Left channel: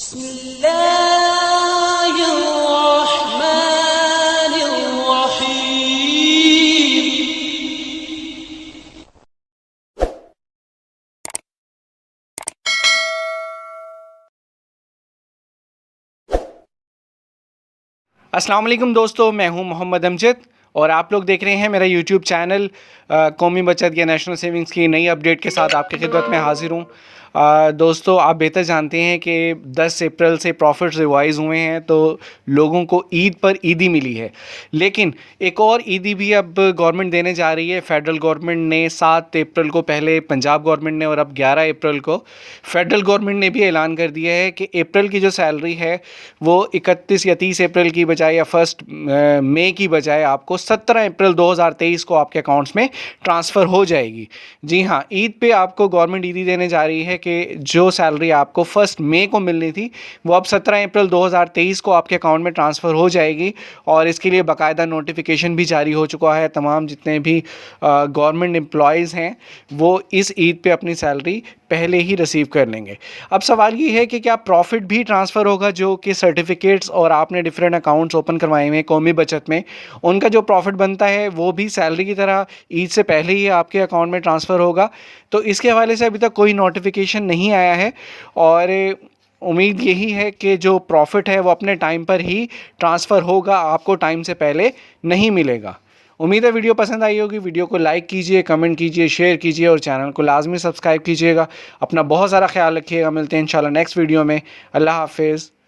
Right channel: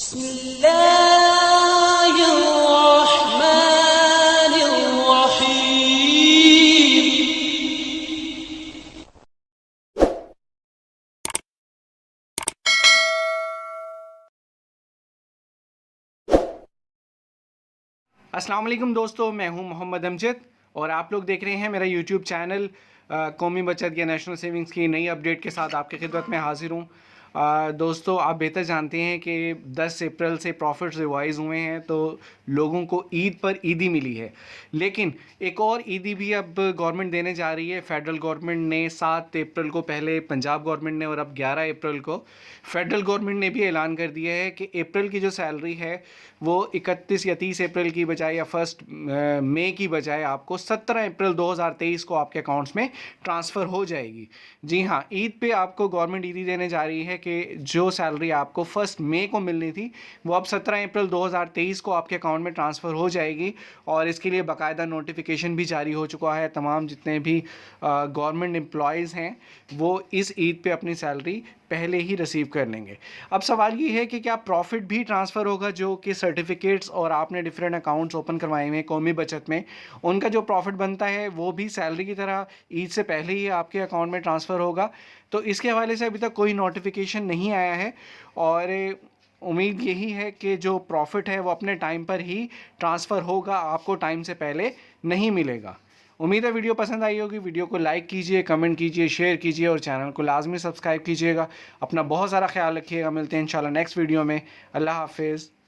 बिस्मिल्लाहिर्रहमानिर्रहीम। अस्सलाम वालेकुम दोस्तों, मैं हूं मोहम्मद अमजद और आप लोग देख रहे हैं मेरा यूट्यूब चैनल कौमी बचत या नेशनल सेविंग्स की नई अपडेट के साथ आपकी खिदमत में हाजिर हूं। दोस्तों, आप बेहतर जानते हैं कि 10 अप्रैल से प्रॉफिट्स रिवाइज़ हुए हैं, तो लोगों को ईद पर ईदी मिली है। लेकिन एक और ईदी भी अब गवर्नमेंट देने जा रही है। फेडरल गवर्नमेंट ने 7 अप्रैल को पहले पंजाब गवर्नमेंट ने और अब 11 अप्रैल को फेडरल गवर्नमेंट ने भी ऐलान कर दिया है कि अप्रैल की जो सैलरी है वो 31 या 30 अप्रैल की बजाय या 1 मई की बजाय आपको 17 अप्रैल 2023 को आपके अकाउंट्स में ट्रांसफ़र हो जाएगी। जी हाँ, ईद पे आपको गवर्नमेंट ईदी देने जा रही है कि जो सैलरी आपको 1 मई को मिलनी थी वो अब 17 अप्रैल 2023 को आपके अकाउंट में ट्रांसफ़र हो जाएगी। और इसके लिए बाकायदा नोटिफिकेशन भी जारी हो चुका है। तमाम जितने भी गवर्नमेंट एम्प्लॉयज़ हैं वो इस ईद पे अपनी सैलरी पहले ही रिसीव कर लेंगे। अब सवाल ये है कि क्या प्रॉफिट भी ट्रांसफ़र होगा, जो कि सर्टिफिकेट्स और आपने डिफरेंट अकाउंट्स ओपन करवाए हुए हैं कौमी बचत में, उनका जो प्रॉफिट बनता है वो भी सैलरी की तरह ईद से पहले ही आपके अकाउंट में ट्रांसफ़र होगा। तो इसके हवाले से अभी तक कोई नोटिफिकेशन नहीं आया है और उम्मीद यही है कि जो प्रॉफिट है वो अपने टाइम पर ही ट्रांसफ़र होगा, आपको टाइम से पहले नहीं मिलेगा। उम्मीद है वीडियो पसंद आई होगी। वीडियो को लाइक कीजिए, कमेंट कीजिए, शेयर कीजिए और चैनल को लाजमी सब्सक्राइब कीजिएगा। अपना बहुत सारा ख्याल रखिएगा। मिलते हैं इंशाल्लाह नेक्स्ट वीडियो में। अल्लाह हाफिज़।